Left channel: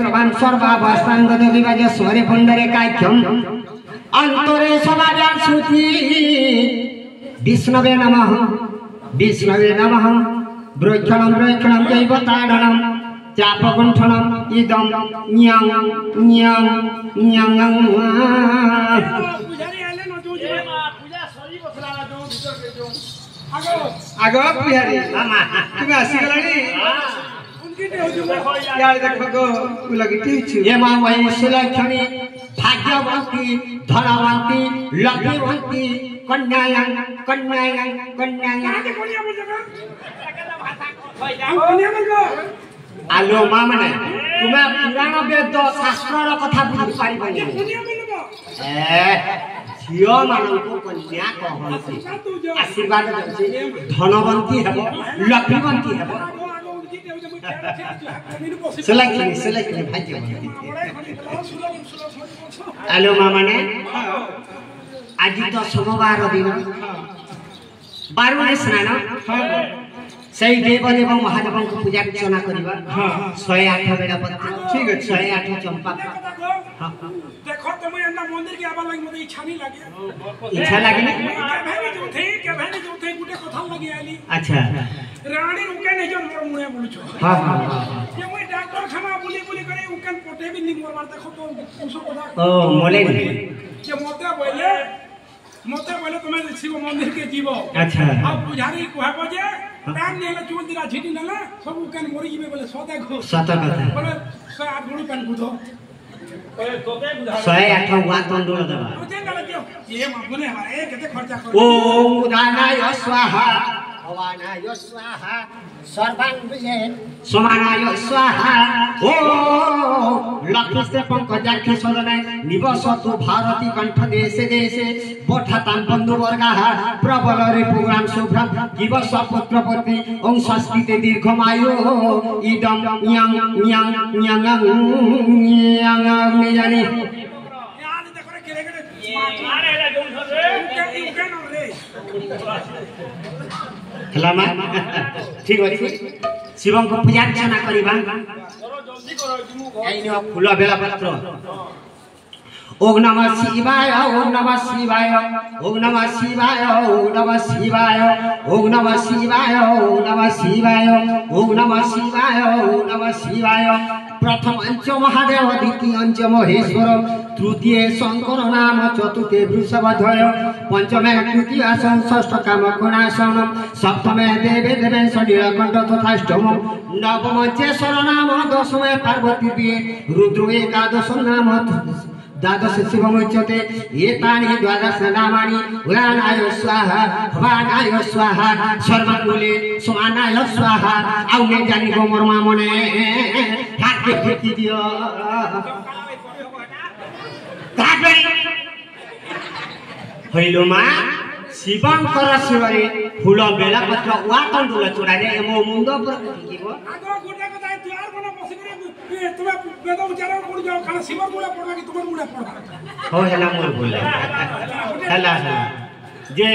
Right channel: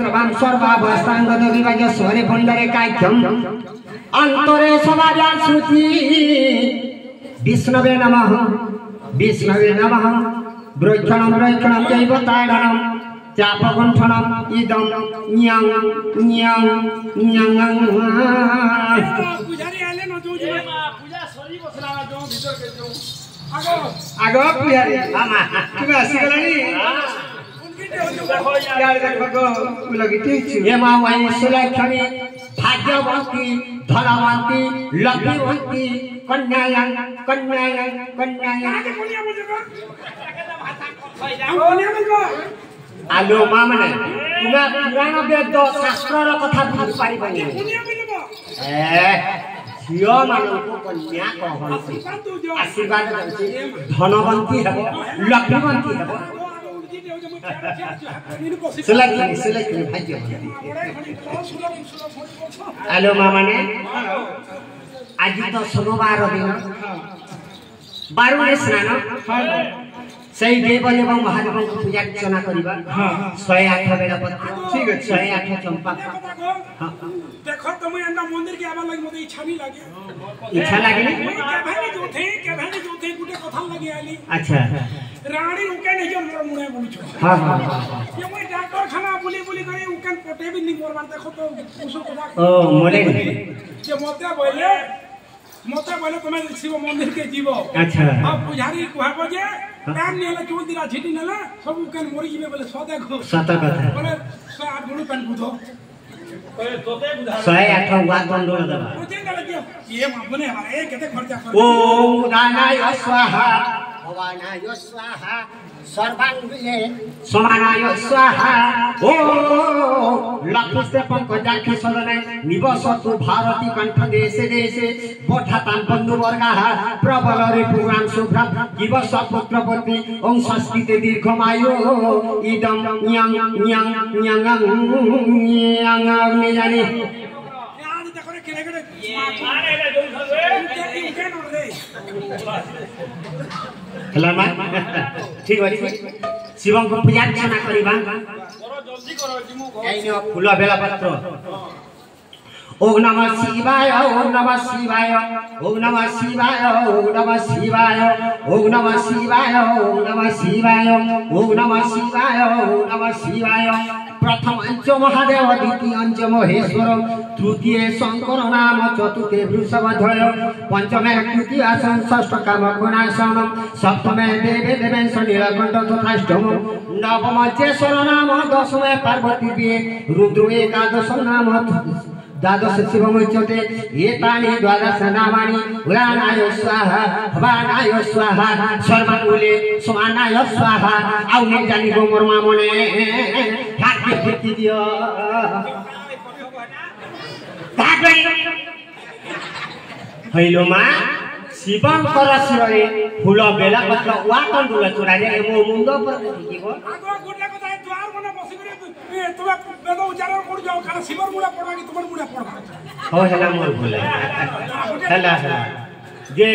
पवित्रवान सर्वावस्थांगत विभाज स्वरे पुंडरे काख्यम अंतरे समाज्ञा श्रुति विष्णवे नमः ब्रह्मणं ब्रह्मणं जैव ताडनं चापकुंठनं इदं न्यां न्यां न्यां पुजारी आले न जो पूजा सरी बसला जो भीतर के जो आगो पुजारी आमा तुम आसीगलानी उनकी दे हो जो यार देखो गो लगती छु ये मां वही सुलक्षणी भाग्यवती धनवती लक्ष्मीवती कन्यायं कन्यायं कन्यायं आगे बोलिया मुझे का भाषा बोलिया मुझे आलो मां माने तुमे पुराण वेद शास्त्र रो कथा बुझि पारिबनी बोलिया बोलबो झियो मानको कन्या कहन्ति आशीर्वाद दउछि धनवंती हेबो लक्ष्मीवंती हेबो सिलेक्ट भाग्य आलो मां माने आज तो सोमवार दिन बारुणे स्नान सही देव एवं महादेव को पूजा अर्चना करबा 108 बेला पत्र ठीक है 108 चंपा देखो तुम एंडा मंदिर के आबा लगी मते इच्छा नहीं लागे इच्छा लागे के भाई जो थे गुटे कथा लगी आली अच्छा रानी उके नहीं जो मोर मुणे बोलछो हां ये मैं डॉक्टर खाना बोली करे उकन पटे भी नहीं मोर बार देखो तो उसो कथा ओ मोले जे मते बोले तुम्हें शिव मंदिर के जीवो अच्छा अब पुजारी कहबो जे पैन नेला चोल दिला झिटी नेला सब उकन मोरी जीवे बोले सदा गो सता कथा बोले 108 गुरु पैन बुधो ओए तोते बुधा 108 हुआ तंडोल दबा ओ जेंगा लगियो ये माबने हमारे केते खर्चा कर ओम उदानाय स्वाहा भवानाय स्वाहा सर्वांगे समानाय स्वाहा ओ लक्ष्मी से पंकजाक्षी सदनाय निवसतु भारती कंठ देशे देशे पठातां बंधु वर्गाः प्रबल रिपुग्राम शुभ्रम दिवस पुत्रपति ओं संस्कृते दीर्घमायु इदं यं यं यं यं ने जाने याद देखो रे केरे मारे रे जोन उके न रे खलामा ठीक अछि शिवं को पूजा अर्चना करिबा करो जल्दी करो जिमु आइनो फूल बेला पत्र ओम नमः शिवाय ओम नमः शिवाय ओम नमः शिवाय ओम नमः शिवाय ओम नमः शिवाय ओम नमः शिवाय ओम नमः शिवाय ओम नमः शिवाय प्रथम अंच महादेव द्वितीय अंच महेश्वर तृतीय शंकर नाम चतुर्थे वृषभध्वज पंचमे तृतीय षष्ठ कामकोणासन सप्तमे देवे देवेश नीलकंठ तथाष्टम नवम चेश्वर नाम दशमे पार्वती दिए रुद्र एकादश नाम द्वादश शिवमुच्यते एतानि द्वादश नामानि उदानाय स्वाहा भवानाय स्वाहा सर्वकुले समानाय स्वाहा आउ ने जानि गो मोर मामने ठाके फेंकी दियो ताके हैलो मा शिवंकर शिवरे फूल बेला पत्र वा तंडुल चुरारे एमो मुंडो पर जीवो आगो गुडा को ताई द्वार बना बसी करे तुमे वेद उच्चारण कर जाओ खाना शिवर मुड़ा पड़वा कि तुमर मुड़ा पड़वा हो हेला मोर बोला हेला जे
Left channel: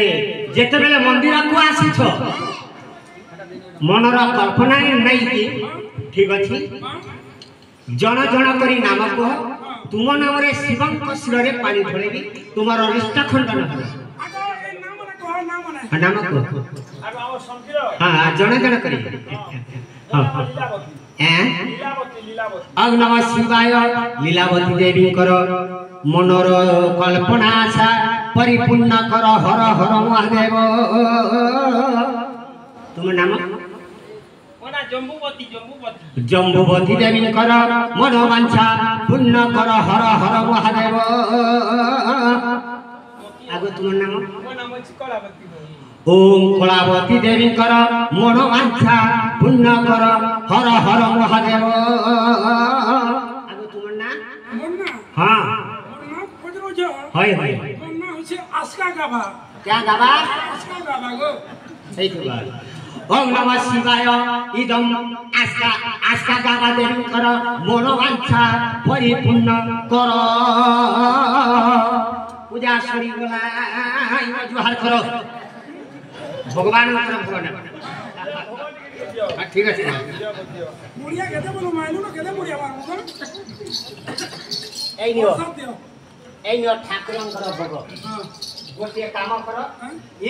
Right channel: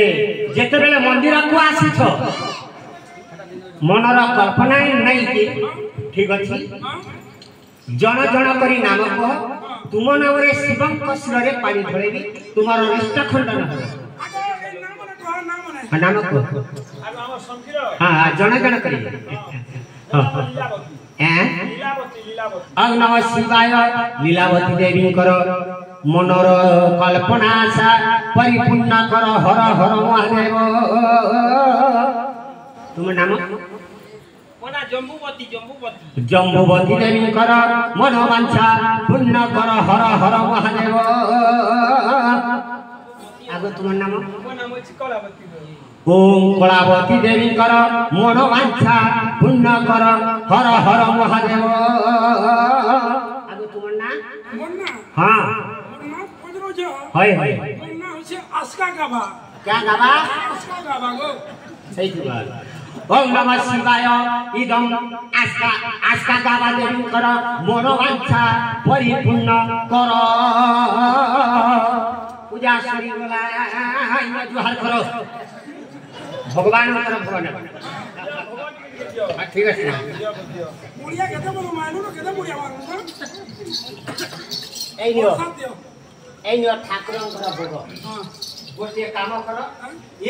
जेते बेले मंदिर को आसी छो मनर कल्पना नै कि ठीक अछि जन जन करी नाम को तुम नाम रे शिवंक शिवरे पानी ढळेबी तुमर रिष्ट खंडन हो नाम को अब हम संकीर हां जन जन करी ओम नमः शिवाय लीलावती देवी कर मनर कल्पना आशा परिपूर्ण कर हर हर महादेव तुम नाम मोना जम्बुवती जम्बुवती देवी कर मनोवांछा पूर्ण कर हर हर महादेव आगो तुम नाम मो नाम कलावती ओम कलावती देवी कर मनोवांछा पूर्ण कर हर हर महादेव आगो तुम नाम मोना हां मोना पजरो जो हाय हाय मोना होছে आस्का गाबा क्या गाबा आस्का गाबा गो सही बात ओम नमः शिवाय इदं आस्का आस्का गाबा देवी कर मनोवांछा परिपूर्ण कर पूजा सरी गला इन जुहार करो भगवान भगवान ठीक है मुड़िया केते बोलो मायलो न केते मुड़िया मारू এই নিও সত্য এই নিও ঠাকুরଙ୍କର ভোগ হ্যাঁ গোটিଏ কাମ କର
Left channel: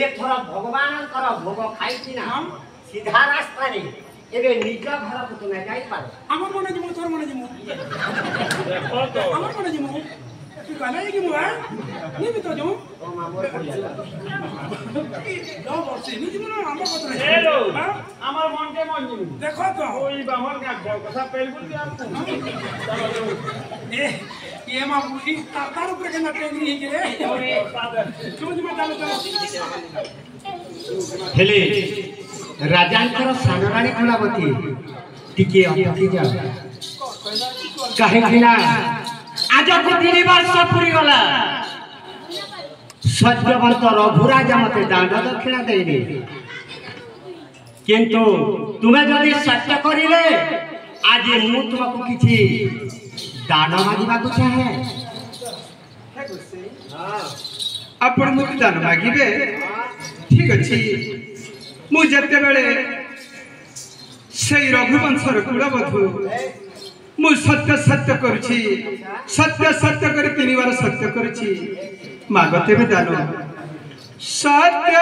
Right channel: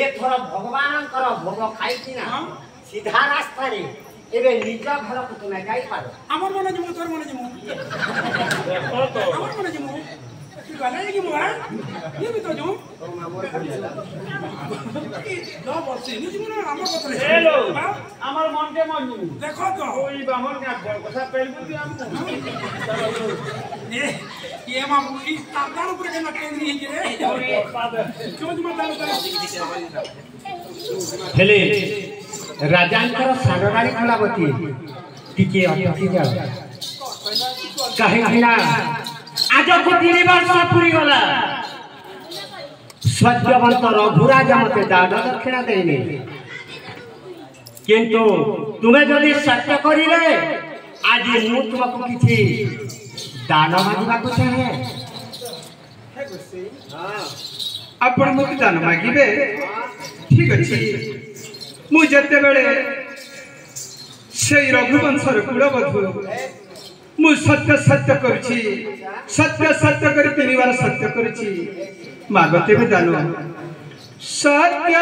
ଏଥର ଭଗବାନଙ୍କର ଭୋଗ ଖାଇକି ନା ସିଧା ରାସ୍ତାରେ ଏବେ ନିଜ ଘରକୁ ତୁମେ ଯାଇପାର আমার মনে জিমু তোর মনে জিমু আমার মনে জিমু তুই কালে জিমু হ্যাঁ নিবি তো জিমু ଓ ମାମୁର ବୁଲିବା লো বসে নি জিমু না আমার কথা নাই हेलो হ্যাঁ আমার মনকে মন নিবি দেখো তো ওই বামন কা কথা পেল বলি আপু এ এ মা বুঝি তার উপরে কেন টেঙ্গি হিজে রে তুমি তুমি দাও ହେଲେ ରାଜାଙ୍କର ସାନରାଣୀ କଳାବତୀ ଟିକେ ଅଟକି ଯାଅ କାହିଁକି ନା ଆଜକୁ 3 ବର୍ଷ ପୁରିଗଲା ସତ୍ୟବନ୍ତ ରଘୁରାଜ ମତେ ଦାନ ଦକ୍ଷିଣା ଦେଇନି କିନ୍ତୁ ତୁମେ ଯଦି ସତ୍ୟ କରିଲେ ଆଜି ମୁଁ ତୁମକୁ କିଛି ଦାନ ମାଗିବାକୁ ଚାହେଁ ଆପଣ ମୋତେ ଦାନ ମାଗିବେ ଠିକ ଅଛି ମୁଁ ଯେତେବେଳେ ସେଇ ରଘୁବଂଶର କୁଳବଧୂ ମୁଁ ସତ୍ୟ ସତ୍ୟ କରୁଛି ସତ୍ୟ ସତ୍ୟ କରି 3 ବାର ସତ୍ୟ କରୁଛି ମାଗ ତେବେ ଦାନ ସତ୍ୟ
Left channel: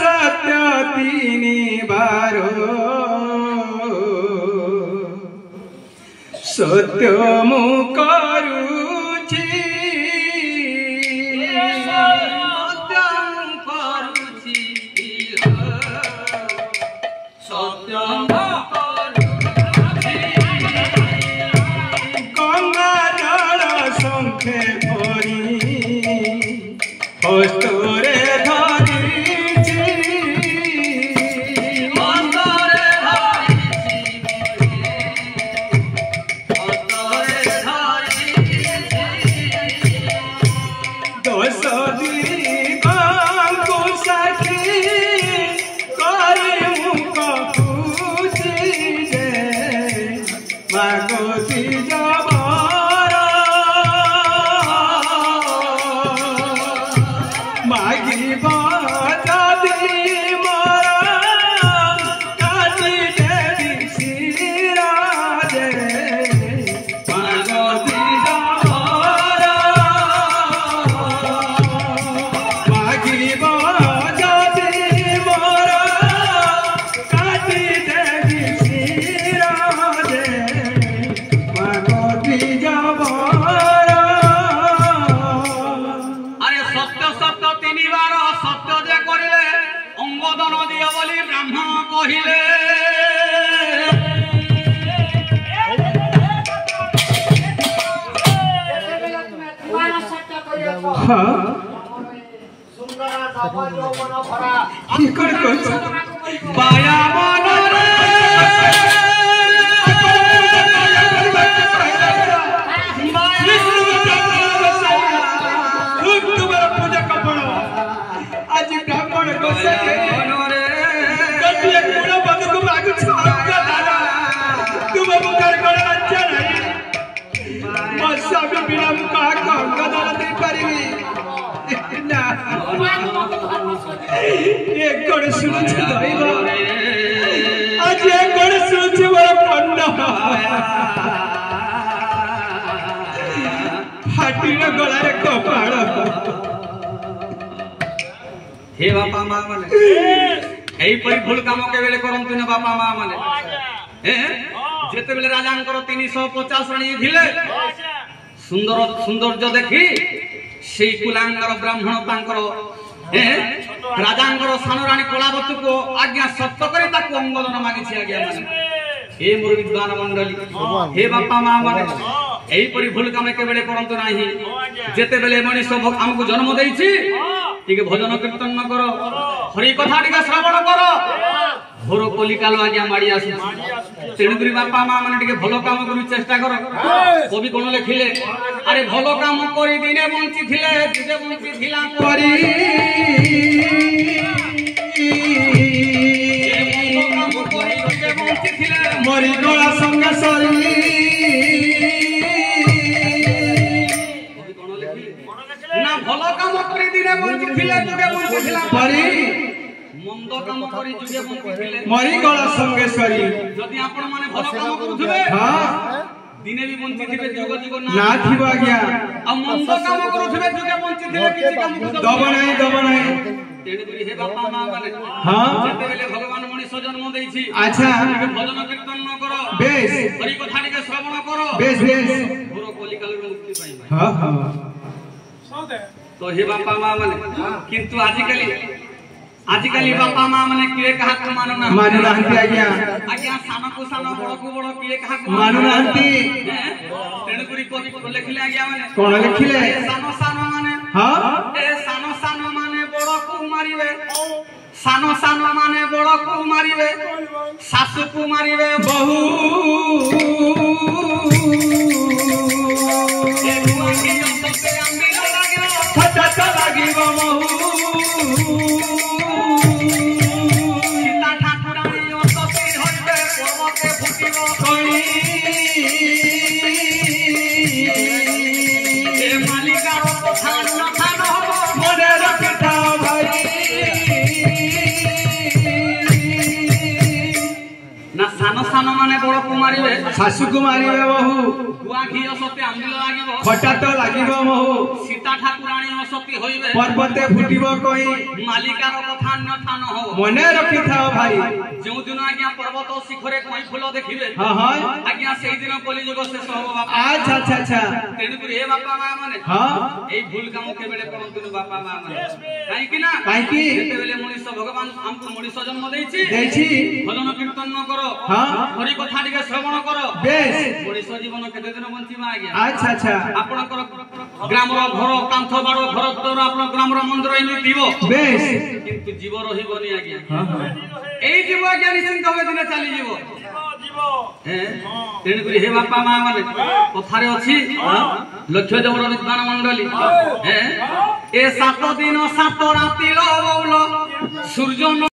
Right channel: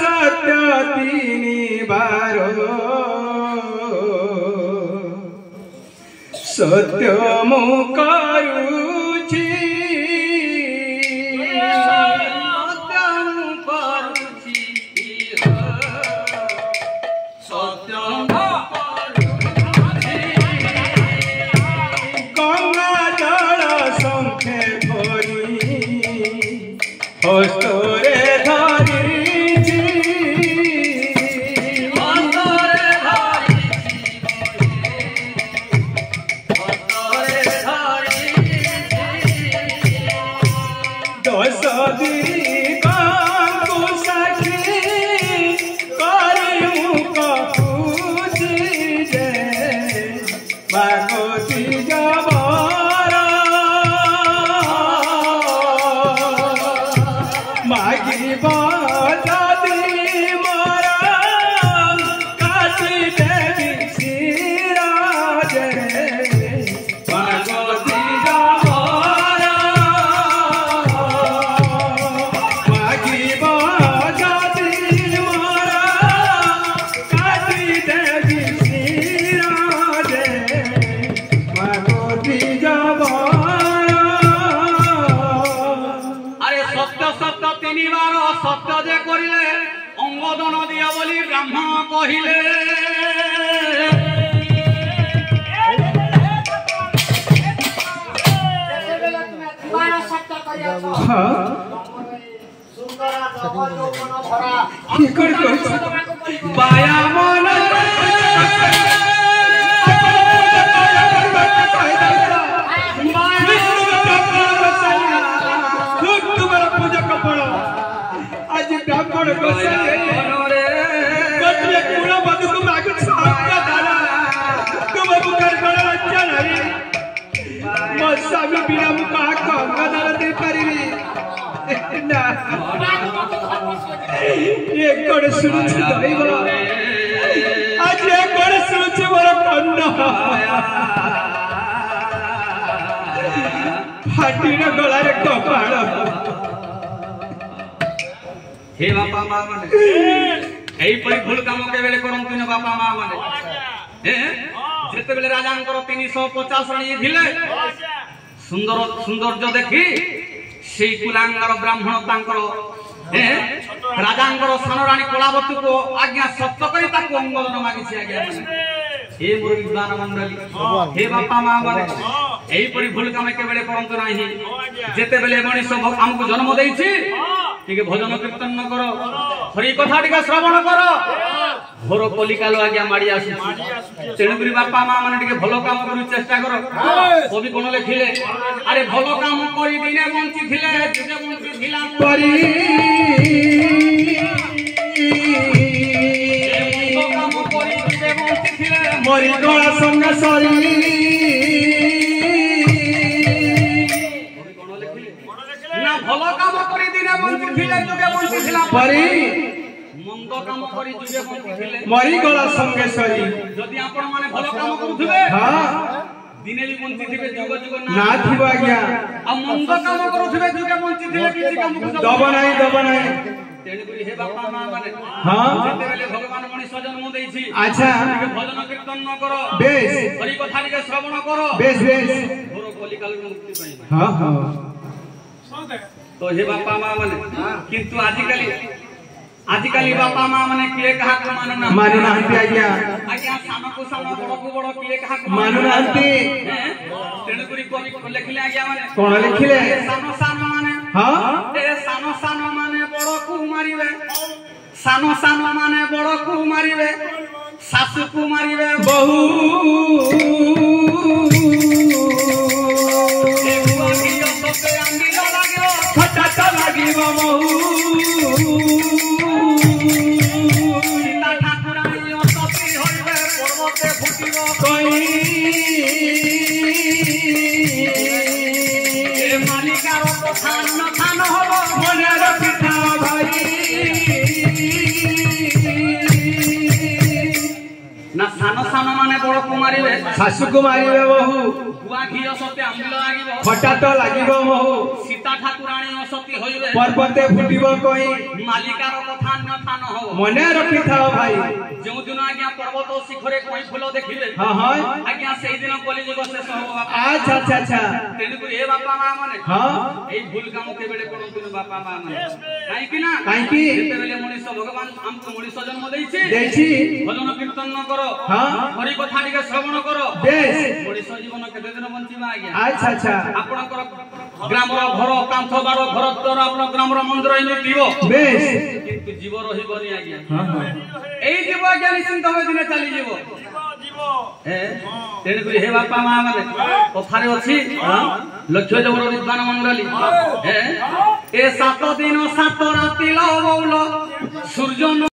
ସତ୍ୟ 3 ବାର ସତ୍ୟ ମୁଁ କରୁଛି হস্তরে ধরিছি দশ দিগঙ্গু সাক্ষী করি কপুছি যে মাগতি জবর মাগিব যদি মোরা কাটি দেবি সিরাজে মাগতি জবর মাগিব যদি মোরা কাটি দেবি সিরাজে মাগতি জবর আরে সত্য সত্য 3 বার সত্য যে করিলে অঙ্গদন দিও বলি ব্রাহ্মণ কহিলে ঠিক কইছো বায়া মনরে খুব তোমার পূজা কপড় আজ ব্রাহ্মণ গোসাই গোটিয়ে কুড় বধু তুমি আগে ছাড়া দাদা তোমার মুখের বড় লজ্জা নাই ମୋ ସ୍ୱାମୀ ବିନା ମୁଁ କାହାକୁ ଅଙ୍ଗଦାନ ଦେଇପାରିବି ନା ଏ କଣ ଶୁଣୁଛି ଦୈବ ଆଜି ଏ କଣ ଶୁଣୁଛି ମୋର କର୍ଣ୍ଣ ହାଟିର ଗଳାରେ କପାଳ हे बापा माँ माने এইপরি ভুল কাম কেবেলে করন্তু না বাপা মা মানে যেতেবেলে রাজাঙ্কর 350 রানী ଥିଲେ সুন্দর সৌন্দর্য দেখি সেই কুলাঙ্গর ব্রাহ্মণ তাঙ্কর রাজাঙ্কর সানরানী কলাবতীকে আজ্ঞা সত্য করে তাকে অঙ্গদন মাগিছি আজ্ঞা মানে हे मोर विद्वान मंडली हे बापा माँ माने এইপরি ভুল কাম কেবেলে করন্তু नाही যেতেবেলে মଣିষ আমକୁ জন্ম ଦେଇছি ଟିକେ ଭଜନ କୀର୍ତ୍ତନ କର ହରି କଥା ଟିକେ ଶ୍ରବଣ କର ଘୋର କଲିକାଲ ଆଜ୍ଞା ମାଡି ଆସୁଛି ତେଣୁକରି ବାପା ମା ମାନେ ଟିକେ ଭଲ କାମ କରି ଚେଷ୍ଟା କର କବି କଣ ଲେଖିଲେ ଆରେ ଭଲ କାମ କରି ଦିନେ ବଞ୍ଚିଥିଲେ ଯୁଗେ ବଞ୍ଚିଥିଲା ପରି କାମ କରି ଯୁଗେ ବଞ୍ଚିଥିଲେ মরি গলা সঙ্গে সরি না ଭଲ কাମ କରି ଦିନେ ବଞ୍ଚିଥିଲେ ଯୁଗେ ବଞ୍ଚିଥିଲା পরি ମନ୍ଦ କାମ କରି ଯୁଗେ ବଞ୍ଚିଥିଲେ মরি গলা সঙ্গে সরি যদি ଆପଣ ମାନେ ଭଲ କାମ କରୁଥିବେ হ্যাঁ दिने भी बंची थे जुग जुग ना थिबो आज्ञा आ मंद काम करूथिबे जुगे बंची थे किछि काम दब नाही तेणु करी हे बापा मां माने हां जते बेले भगवान मनीष जन्म देइछि अच्छा भजन कीर्तन न करो बेस हरि कथा के श्रवण करो बेस पूरा कलिकाल मुक्ति पाइबा हां हां सदे तो हे बापा मां माने किंतु आजिकली बापा मां माने किए कहा को मानना माने नाहंती आज्ञा सानो को सानो बड़ को बड़ किए कहा को मानु नाहंती तेणु करी कवि लिखले आज्ञा माने कोन लिखिले सानो सानो माने हां ए सानो सानो माने बड़ को मारिबे सानो सानो माने बड़ को मारिबे सासु को मारिबे बहु छटा লাগিব महू सीता ठाकुरानी असती हइबे पर्वते फुटिब कई ए मालिकार कथा न खान हबो मने रखिथा भाई ना सानो सानो माने बड़ को मारिबे सासु को मारिबे बहु गुआ घी असती आंबिल लागिबो खटा तो লাগিব महू सीता ठाकुरानी असती हइबे पर्वते फुटिब कई मालिकार कथा न खान हबो मने रखिथा भाई जो दिन आज्ञा पर्वत शिखरे कोई फूल देखिबे हां हां आज्ञा सेही दिन कली जुग शेष हबो बापा अच्छा अच्छा अच्छा तेणु करी हे बापा मां माने हां एई भूल काम के बेले करंतु बापा मां माने काई कि ना काईकी जेते बेले मनीष भगवान हमको मनीष जन्म देछि भजन कीर्तन न करो हां हरि कथा टिके श्रवण करो बेस मनीष जीवन केते दिन बंचिबा आज्ञा अच्छा अच्छा आपनकर ग्रामर घर कांथ बाड़ घर तोर आपन ग्रामर मंदिर एमि दिबो बेस किंतु जीव रहिबनी आज्ञा हां हां एई जीव आज्ञा निश्चिंत होय दिने चली जीवो तेणु करी हे बापा मां माने कथारे अछि लक्ष्य जबर विद्वान मंडली ए 7 दिन 7 राति लो बौलो सूर्य